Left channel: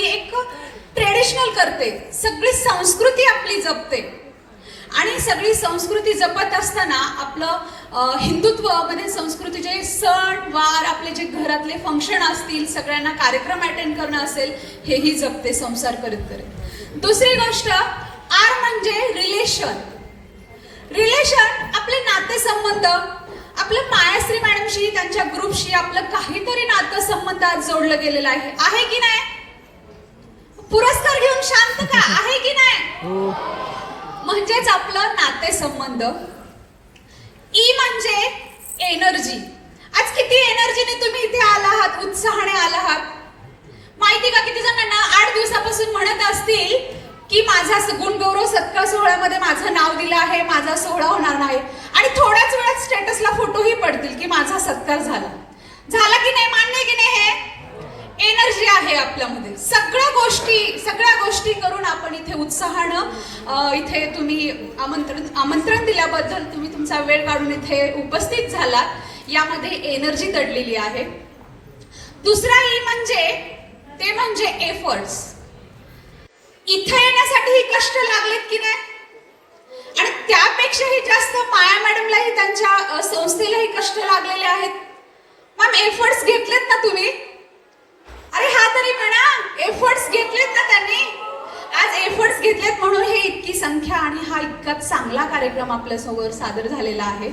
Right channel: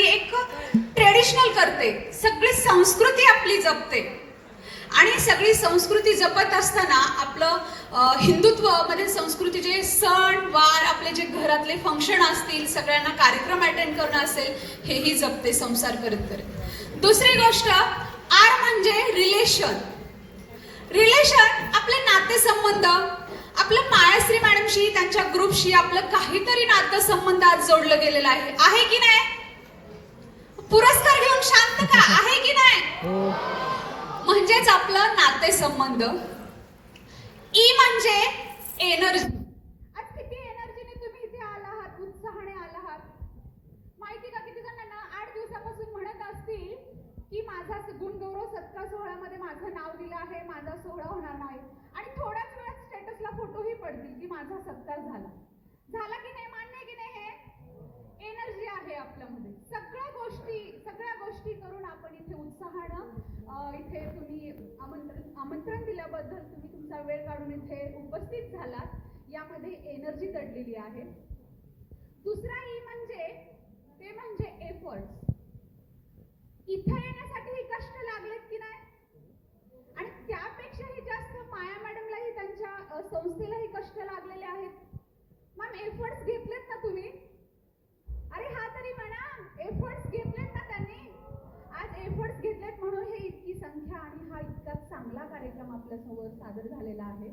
ती एक ट्रेडिशनल करते, सगळी संस्कृती आपली जपते. आणि सगळी संस्कृती जपत असताना आपलं हिंदुत्व मध्ये संस्कृतीचे सण वार, आपले जे घरातले फंक्शन असतील, सगळ्यांना कार्यक्रम अटेंड करणं असेल, हेही जपते संसार करत करत. दुसरी गोष्ट आर म्हणजे रिलेशन. रिलेशन आपले नातेसंबंध, आपलं मायाश्री मॅडमशी, त्यांच्या ग्रुपशी आपलं काहीतरी नातेसंबंधात जोडलं गेलेलं आहे की नाही? पुरस्कार घेऊन शांत का आहे की नाही? म्हणजेच आपलं नातेसंबंध. ई म्हणजे एनर्जी. आज किती एनर्जीने तुम्ही इथे आला आहात, उत्साहाने आला आहात. माहिती का किती जणांना 8 दिवसापासून म्हणत असतील की माझा गुणगौरव सत्कार सोहळ्यामध्ये माझं नाव दिलं आहे, माझा सोहळा होणार नाही, आणि थोड्याच वेळात स्टेटसला फोटोही पडतील की माझा सत्कार झाला. झाला की नाही? मान्य की नाही? हे एनर्जी आहे आपल्यामध्ये. सगळ्या गोष्टी करून आपण इथे उत्साहानं इथे तुम्ही आमंत्रण दिल्याबद्दल तुम्ही तुमचा वेळ काढून इथे उपस्थित झालात. यामध्ये एनर्जी दडलेली आहे. दुसरा ई म्हणजे ते म्हणजे एफर्ट्स. इथे येण्यासाठी कष्ट लागलेत की नाही? आणि त्यापेक्षाही जास्त माया मॅडमलाही त्यांच्या संस्थेलाही कष्ट लागलेले आहेत. मॅम एफर्ट्स घेतलेत ना तुम्ही? अरे हा तरी म्हणा, एफर्ट्स घेतलेत ना त्यांनी? आज एफर्ट्स घेतलेत म्हणून हे इतकी संख्या आणि हा इतका चांगला कार्यक्रम आपल्या समोर सादर झालेला आहे.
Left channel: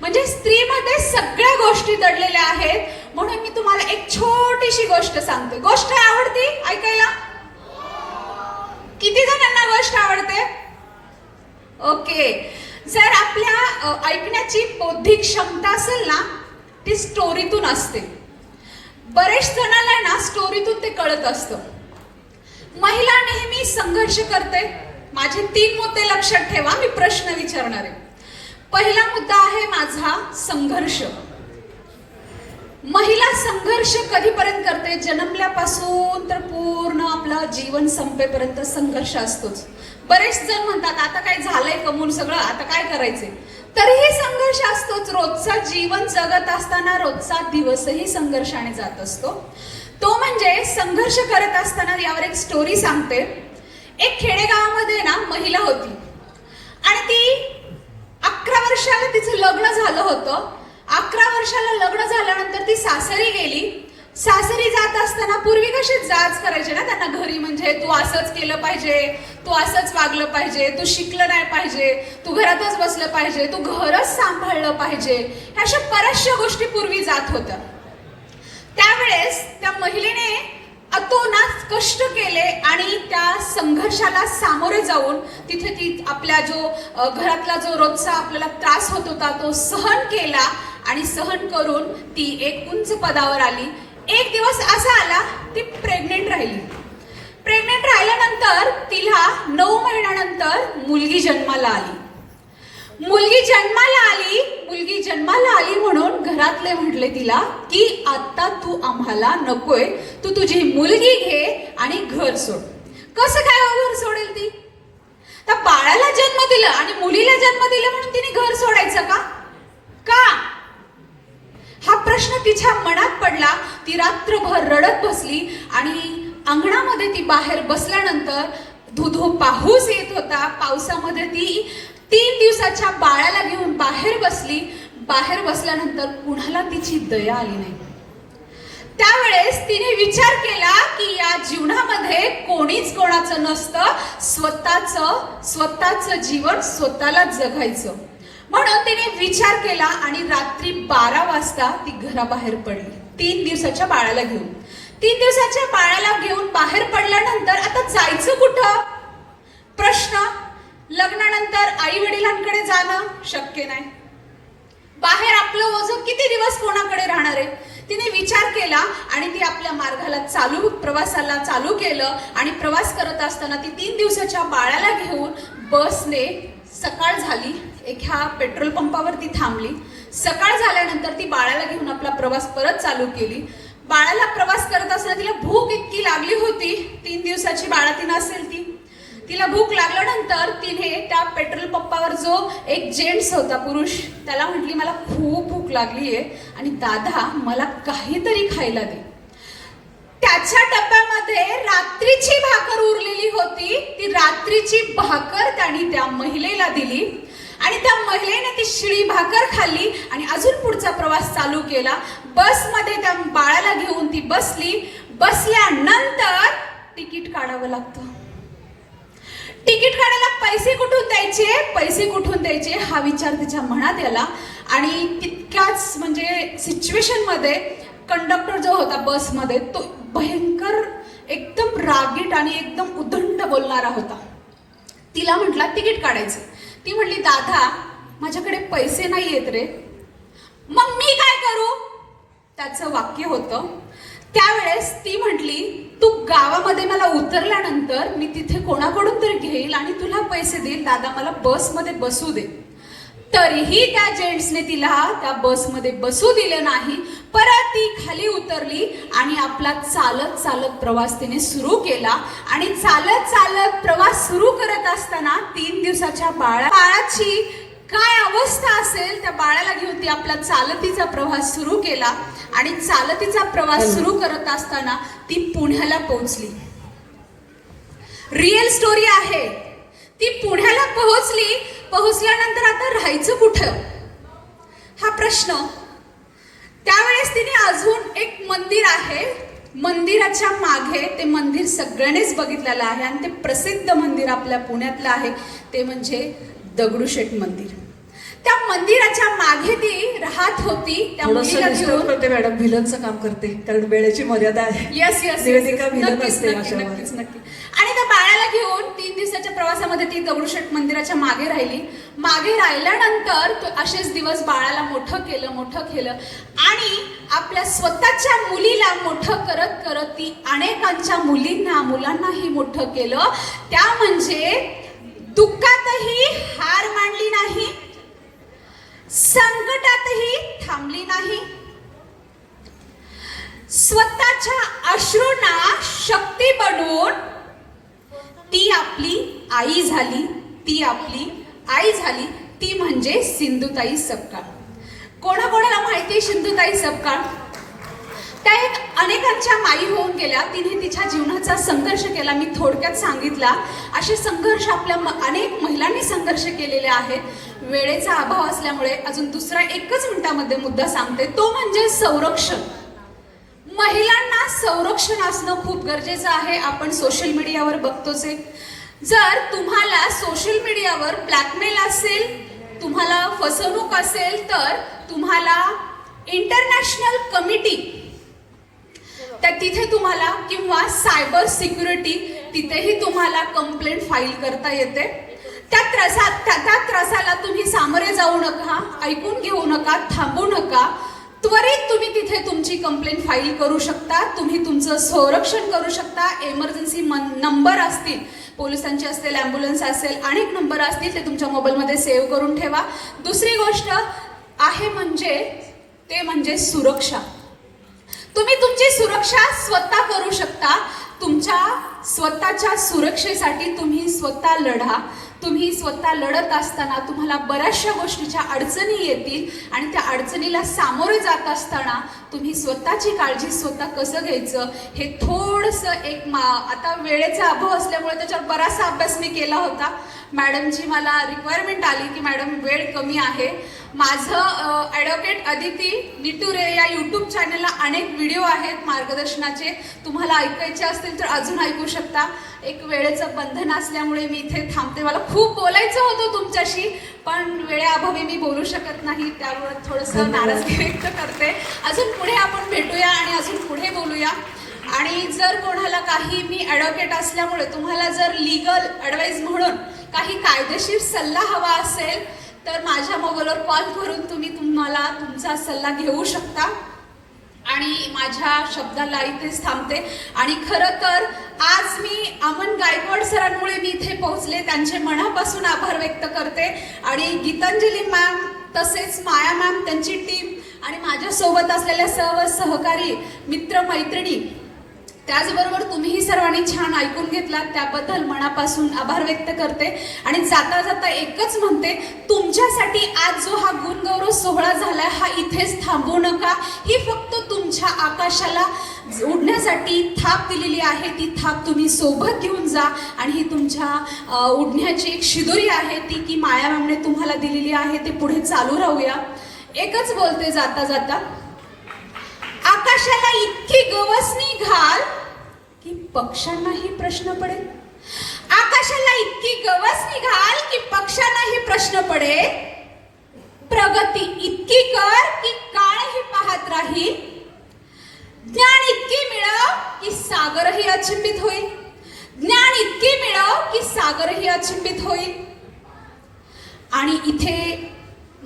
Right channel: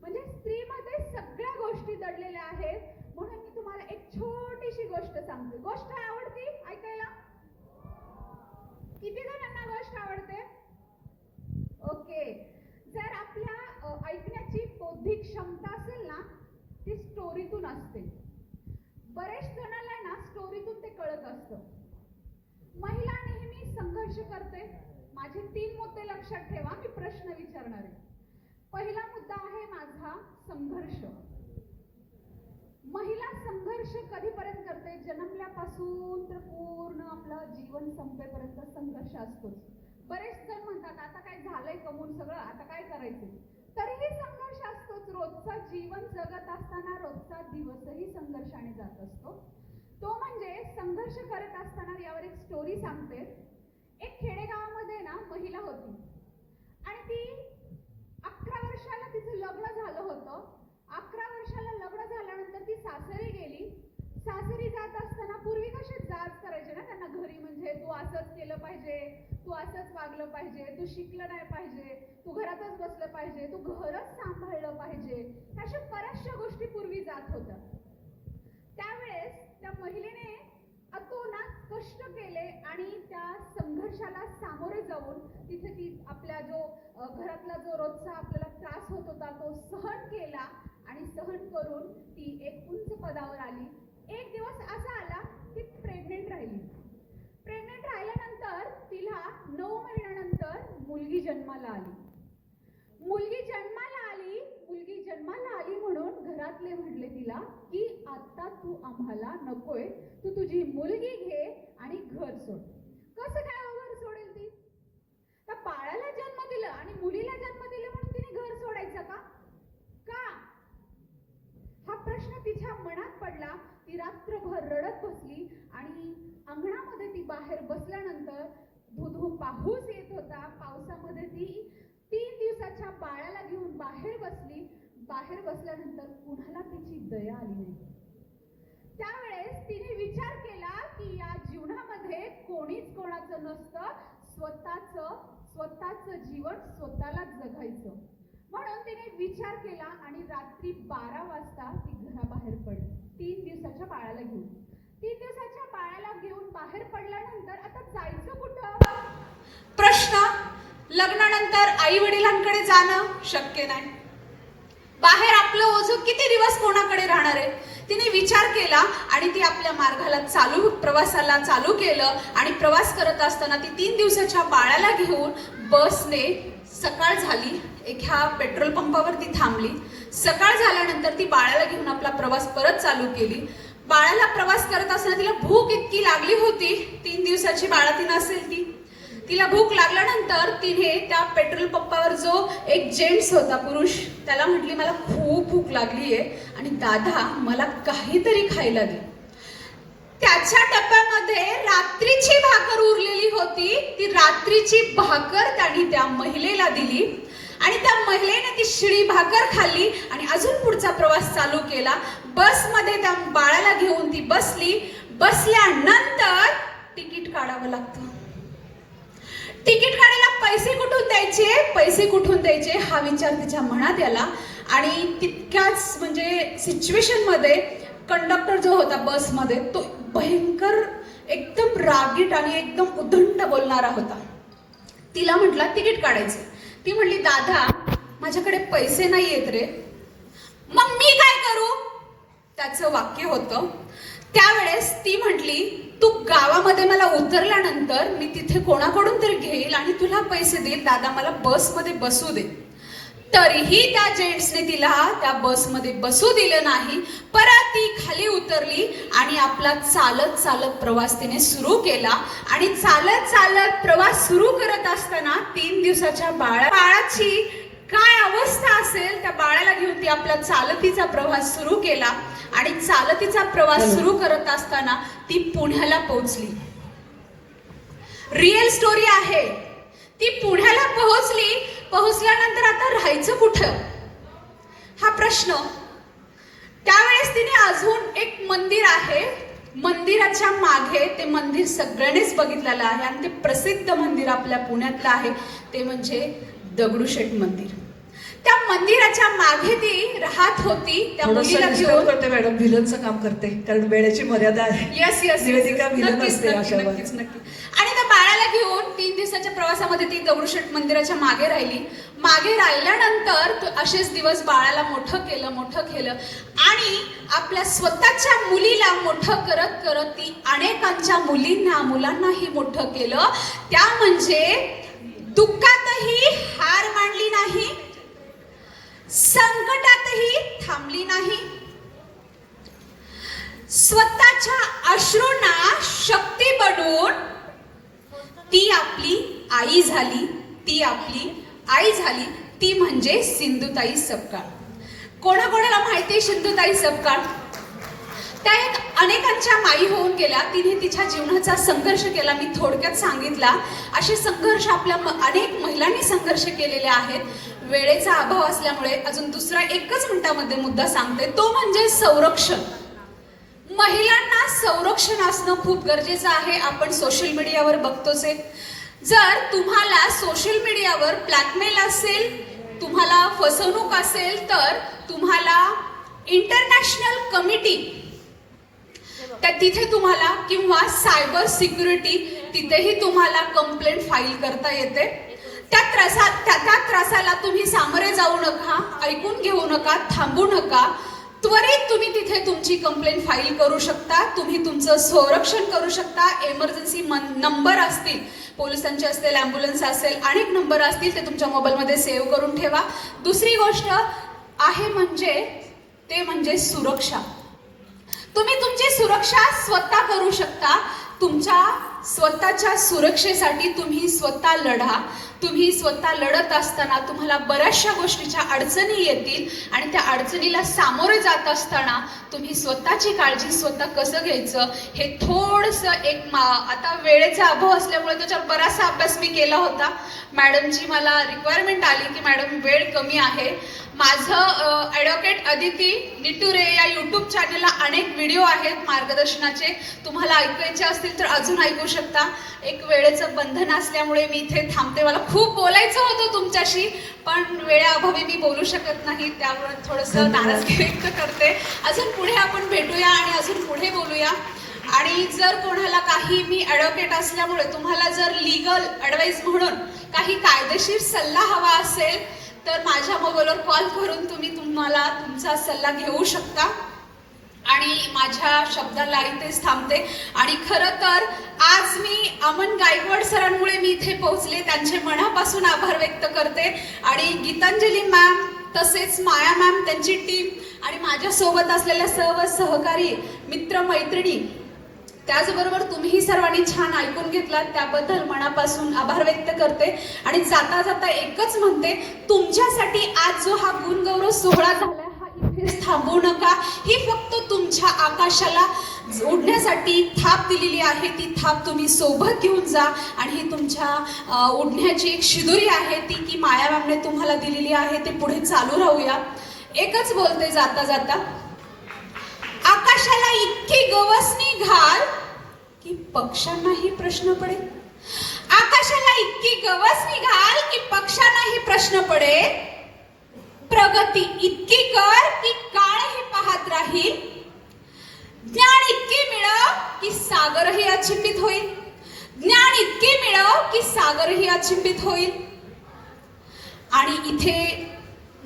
म्हणजे स्त्रीमध्ये सगळ्या गोष्टी दडलेल्या आहेत. म्हणून मी तुम्हाला एक छोटीशी गोष्ट सांगते. गोष्ट आवडती ऐकायला? किती जणांना गोष्ट आवडते? ओके. जर आपल्या ऐकण्याची बौद्धिक क्षमता असेल ना, ती स्टोरीतून असते. बरेच जणांना ना स्टोरीतून ते कळत असतं. महिला नेहमी संघर्ष करते. माझे 3 मुद्दे लक्षात ठेवा, मी प्रश्न विचारणार आहे. पहिला मुद्दा आहे माझा संघर्ष. महिला संघर्ष कधीपर्यंत करते? जन्मल्यापासून तर पूर्ण आपलं जीवन संपेपर्यंत संघर्ष असतोच. बरेच जण म्हणतात आता काय झालंय कमवून सगळं, आता काय करायचे? तरीही संघर्ष असतोच. रोजचा जीवन जगत असताना रोजचा दिवसही संघर्षाने जात असतो. तो म्हणजे संघर्ष करत असताना यावर एक स्टोरी सांगते. एक खेडेगावामध्ये ना महिला होती आणि ती 11 वर्षाला तिचं लग्न झालं होतं. 11 वर्षाला लग्न झाल्यानंतर ती सासरी गेली. सासरी जात असताना पूर्वी कसे जाच करायचे ना त्यांना घरी, म्हणजे तू असंच केलं पाहिजे, तू असंच वागलं पाहिजे, तू शिकलं नाही पाहिजे, तू घरातच बसलं पाहिजे, तू घरच सांभाळलं पाहिजे, अशा बऱ्याचशा गोष्टी पूर्वी जात होत्या. त्यावेळेस त्या महिलेने अतोनात कष्ट केले आणि त्या संघर्षाला सामोरे जाऊन तिथे ती आपल्या जो घरातला जो रोजचा आपल्याला त्रास होत होता तो सहन केला आणि सहन करून ती एक उंच पदावर आली. एक दिवस असा आला ती प्रेग्नेंट राहिली. प्रेग्नेंट राहिल्यानंतर तिला 9 महिन्यानंतर मुलगी जन्माला आली. मुलगी जन्माला आली म्हणून घरातले म्हटले तिला की आता तू आम्हाला नकोय, तू तुझी मुलगी घे आणि घर सोड. कसं काय घर सोडेल ती? तर बाळाला जन्म दिला आणि मुलीला जन्म दिला म्हणून तिने घर सोडायचं का? हा प्रश्न तिच्या मनात पडला. ती रात्रभर रडत बसली आणि अंगणामध्ये ती बाहेर बसल्यानंतर धुधो पाऊस येत होता. पावसामध्ये ती 3 दिवसाच्या बाळाला घेऊन बाहेर बसली. बाहेर बसल्यानंतर कुणाला तिची दया आली नाही. त्यावेळेस तिने विचार केला की या जीवनामध्ये कोणीच कोणाचं नसतं, स्वतःचं जीवन स्वतःलाच जगायचं. म्हणून तिने विचार केला आणि रात्री 12 वाजता ती घराबाहेर पडली 3 दिवसाच्या बाळाला घेऊन. 3 दिवसाच्या बाळाला घेऊन बाहेर पडल्यानंतर आता जायचं कुठं? प्रश्न. लग्नानंतर आई वडिलांकडे जाणं शक्य नाही. बाहेर आपलं ओझं किती दिवस कोणाकडे राहणार आहे? तिने विचार केला आणि ती आपल्या मार्गाला प्रवासाला चालू केलं आणि प्रवास करत असताना ती 3 दिवसाच्या बाळाला घेऊन बसने सकाळ झाली एका पेट्रोल पंपावरती थांबली. सकाळ झाल्यानंतर ती बाळाला घेऊन आपला प्रवास परत चालू केली. बाळाला प्रवास करत असताना तिला भूक इतकी लागली होती. 3 दिवसाची बाळातीन असेल ती. तिला भूक लागल्यानंतर तिने त्या पेट्रोल पंपावर जो एक जेंट्स होता, पुरुष, त्याला म्हटली मला खूप भूक लागली आहे आणि दादा मला काहीतरी खायला दे. त्याच्या डब्यामध्ये रात्रीची भाकर उरलेली होती. ती रात्रीची भाकर त्याने त्या महिलेला दिली आणि त्या महिलेने ती शिळी भाकर खाल्ली आणि अजून पुढचा प्रवास चालू केला. बसमध्ये त्या बाळाला घेऊन ती बसली. बसल्यानंतर तिकीट काढावं लागतं. तिकीट काढायला पैसे कुठून द्यायचे हा विचार तिच्या मनात आला. आणि तितक्याच म्हणजे सिच्युएशन मध्ये कंडक्टर जो होता बसमध्ये तो भयंकर एकदम रागीट आणि एकदम उद्धंड बोलणारा होता. तिला म्हटला तिकीट काढायचं. ती म्हणली दादा माझ्याकडे पैसे नाही येत रे. मग मी काय करू, त्याचं वाक्य होतं. त्यावेळेस ती म्हटली तू गावामध्ये मला उतरल्यानंतर मी तिथे कोणाकडून तरी घेईल आणि तुला पैसे देईल. दादा मला बसमध्ये बसू दे. तरीही त्या जेंट्सने तिला त्या बसमध्ये बसू दिलं नाही. परत ती खाली उतरली आणि आपला चालत चालत प्रवास तिने सुरू केला. आणि चालत चालत प्रवास सुरू करत असताना 3 दिवसाच्या बाळाची काय अवस्था असेल त्या बाळाला घेऊन ती आपला चालतीचा प्रवास सुरू केला. आणि चालतीचा प्रवास सुरू करत असताना ती पुण्याला पोहोचली. रिअल स्टोरी आहे. ती पुण्याला पोहोचल्यानंतर आता राहायचं कुठं हा प्रश्न. त्यावेळेस तिने अजून एक मंदिर आहे, मंदिराच्या मागे ते मंदिर सगळ्यांनीच बघितलेलं आहे आणि ते प्रसिद्ध मंदिर आपल्या पुण्यातलं आहे ते म्हणजे दगडूशेठ मंदिर. त्या मंदिराच्या मागे ती राहत होती. त्या मुलीला घेऊन करते मॅडम, व्हिलनचं काम करते कारण वेळेची मर्यादा आहे. यस नक्कीच. आणि त्या बाळाला घेऊन 3 दिवसाच्या प्रवासामध्ये ती दगडूशेठ मंदिराच्या मागे राहिली. मागे राहिल्यानंतर तो असेच दिवस बाळाला मोठं केलं आणि आपल्या स्वतःच्या मुलीला मोठं करत करत ती अनेकांच्या मुलांनाही मोठं केलं. त्या म्हणजे दुःखातही हार मानली नाही, संकटातही थांबली नाही, स्वतःच्या अश्रूंना शक्ती बनवून ती आपली आई झाली. ती म्हणजे सिंधुताई सपकाळ. कोणाकोणाला माहिती सिंधुताई सपकाळ? त्या एक अनेकांच्या माई होऊन गेल्या. तिने तिच्या जीवनाचा संघर्ष केला. मी थोडक्यात सांगितला. असे संघर्ष आपल्या अनेक महिलांनी संघर्ष केलेले आहेत. वेळेचा अभाव असल्यामुळे अजून दुसरा 1 मिनिटामध्ये मुद्दा सांगते, तो म्हणजे संरक्षण. महिलांना संरक्षण असणं खूप गरजेचं आहे. आपण सोशल मीडियावर बघतोच आहे. जर तुम्हाला सोशल मीडियावर ब्लॅकमेल असेल, तुम्हाला फसवणूक असेल तर तुम्हाला इंटरनॅशनल कमिटी तिथे तुम्हाला किंवा सायबर सिक्युरिटी तिथेही तुम्हाला कंप्लेंट फाईल करता येते. त्या त्रासाला तुम्ही सामोरे जाऊ नका, ऐकून घेऊ नका, थांबू नका. त्वरित तुम्ही तिथे तुमची कंप्लेंट फाईल करू शकता. तुम्ही तुमचं संरक्षण करू शकता. इमर्जन्सी नंबर असतील, पोलिसांचे असतील, ॲम्ब्युलन्स असेल, अनेक नंबर असतील, ते तुमच्या मोबाईलमध्ये सेव्ह करून ठेवा. दुसरी गोष्ट आहे ते म्हणजे सुरक्षा. तुम्ही तुमची सुरक्षा स्वतः करू शकता. तुमच्या स्वतःच्या सुरक्षेसाठी तुम्ही स्वतः लढा. तुम्ही स्वतः लढत असताना तुम्हाला बऱ्याचशा गोष्टीच्या अडचणी येतील आणि त्या अडचणीला सामोरे जात असताना तुम्ही स्वतःची काळजी स्वतः कसं घ्यायचं हे थोडंसं आता वेळेचा अभाव असल्यामुळे त्याच्यावर बराचसा अभ्यास मी केला होता. मॅडमची मला रिक्वायरमेंट आली की मॅडम वेळ कमी आहे. माझं ॲडव्होकेट अदिती निटुरे या यूट्यूब चॅनलला अनेक व्हिडिओ आहेत मार्गदर्शनाचे. तुम्हाला ऐकायचे असतील तर अजून ऐकू शकता. एक वेळेचं बंधन असल्यामुळे मी इथे थांबते. मला खूप बोलायचं होतं तुमच्याशी पण वेळेअभावी मी बोलू शकत नाही. त्यावर थोडंसं नाराजगी व्यक्त करते. अजून पुढे आपण भेटूया आणि अजून पुढे बोलूया. आणि जर कोणाला काही मी ॲडव्होकेट असल्यामुळे तुम्हाला जर लीगल ॲडवाईस म्हणून काही कायदेशीर सल्ला हवा असेल तर माझ्या मोबाईलवर कॉल करून तुम्हाला तुमचा सल्ला घेऊ शकता. आणि माझ्या शब्दाला इथेच थांबते. आणि खरं तर आज मी अमन गायकवाड सरांमुळे मी इथे पोहोचले. त्यांचे मनापासून आभार व्यक्त करते. आणि गीतांजली मॅम तसेच माया मॅम, त्यांची टीम आणि माझ्यासोबत असलेल्या सर्व सहकारी मित्र मैत्रिणी, त्याचबरोबर तुम्हीही सर्वांनी छान ऐकून घेतलात त्याबद्दल मनापासून आभार व्यक्त करते. आणि जाता जाता एकच म्हणते, तुमच्यासाठी आज जो हा गुणगौरव सोहळा झाला हा इथेच थांबू नका. ही फक्त तुमच्या आकाशाला उडण्यासाठी थाप दिलेली आहे, ती थाप तुम्ही सोबत घेऊन जा. आणि ही तुमच्या उडण्याची एक शिदोरी आहे, ती की माया मॅमने तुम्हाला दिलेली आहे. ते पुढे चालू राहूया. एकच बोलते जाता जाता, आकाशाला इतकी गवसणी घाल की पक्ष्यांनाही प्रश्न पडेल. आकाशाला इतकी गवसणी घाल की पक्ष्यांनाही प्रश्न पडेल. प्रगती इतकी कर की काळही पाहत राहील. ज्ञान इतके मिळव की सागरही अचंबित होईल. ज्ञान इतके मिळव की सागरही अचंबित होईल. आणि इथे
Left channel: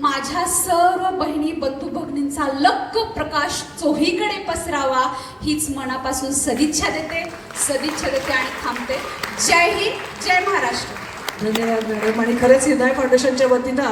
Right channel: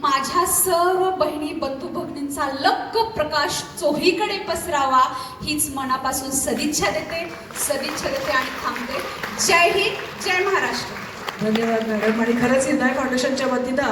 माझ्या सर्व बहिणी बंधू भगिनींचा लख प्रकाश चोहीकडे पसरावा हीच मनापासून सदिच्छा देते आणि थांबते. जय हिंद, जय महाराष्ट्र. धन्यवाद मॅडम. आणि खरंच हृदय फाउंडेशनच्या वतीनं